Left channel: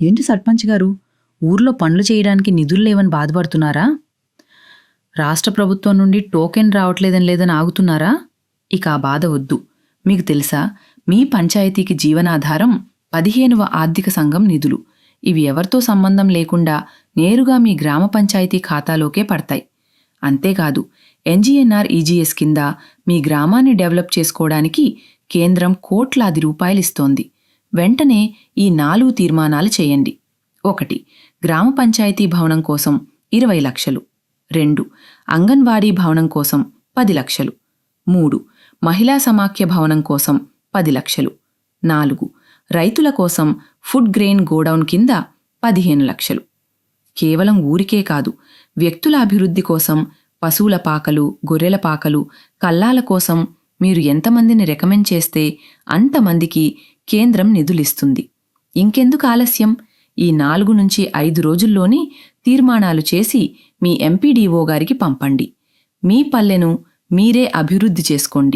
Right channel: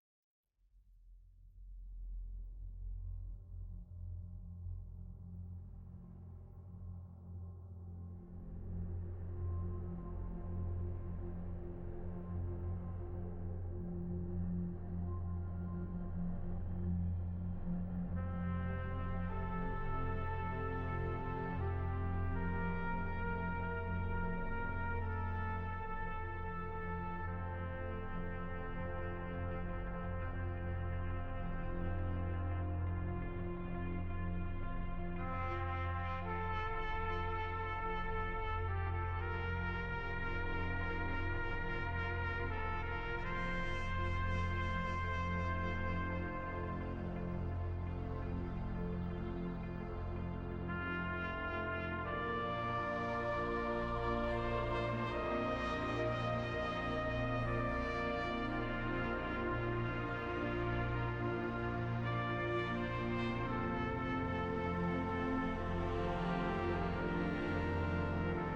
ఏంటి సర్పంచ్ గారు, ఊర్లో పనులు చేయడానికి నిధులు లేవని బాధపడుతున్నారా? రాష్ట్ర ప్రభుత్వం నుండి టోకెన్ రావట్లేదని లేదని ఆగుతున్నారా? ఇక ఆ బాధ వద్దు. మీకు తెలుసా, మీ పంచాయతీకి జీవనాధారం 15వ ఆర్థిక సంఘం నిధులు. ఇవి ఎవరితో సంబంధం లేకుండా నేరుగా మీ గ్రామ పంచాయతీ ఖాతాలోకే పడతాయి. అంతేకాదు, NGNR-EGS కింద మీ గ్రామాన్ని డెవలప్ చేసుకోవడానికి కేంద్రం కోట్లాది రూపాయలిస్తోంది. వెంటనే ఈ 4 తీర్మానాలు చేయండి. 1. గ్రామ పంచాయతీ భవనం కోసం 20 లక్షలు. 2. అంగన్వాడీ భవనం కోసం 10 లక్షలు. 3. మహిళా సమాఖ్య భవనం కోసం 10 లక్షలు. 4. రైతుల కోసం ఫుడ్ గ్రెయిన్ గోడౌన్ కింద 15 లక్షలు. కేవలం ఊరికే కాదు, వ్యక్తుల అభివృద్ధి కోసం పశువుల పాకలు, గొర్రెల పాకలు, కల్లాల కోసం మీరు ఎంతమందిని రికమెండ్ చేస్తే అంతమందికి కేంద్రం నిధులిస్తుంది. ఇంకెందుకు ఆలస్యం? ఈ 4 నుంచి 5 రోజుల్లోనే తీర్మానాలు చేసి మీ MPDO గారికి పంపండి. మీ పల్లెను మీరే అభివృద్ధి చేసుకోండి.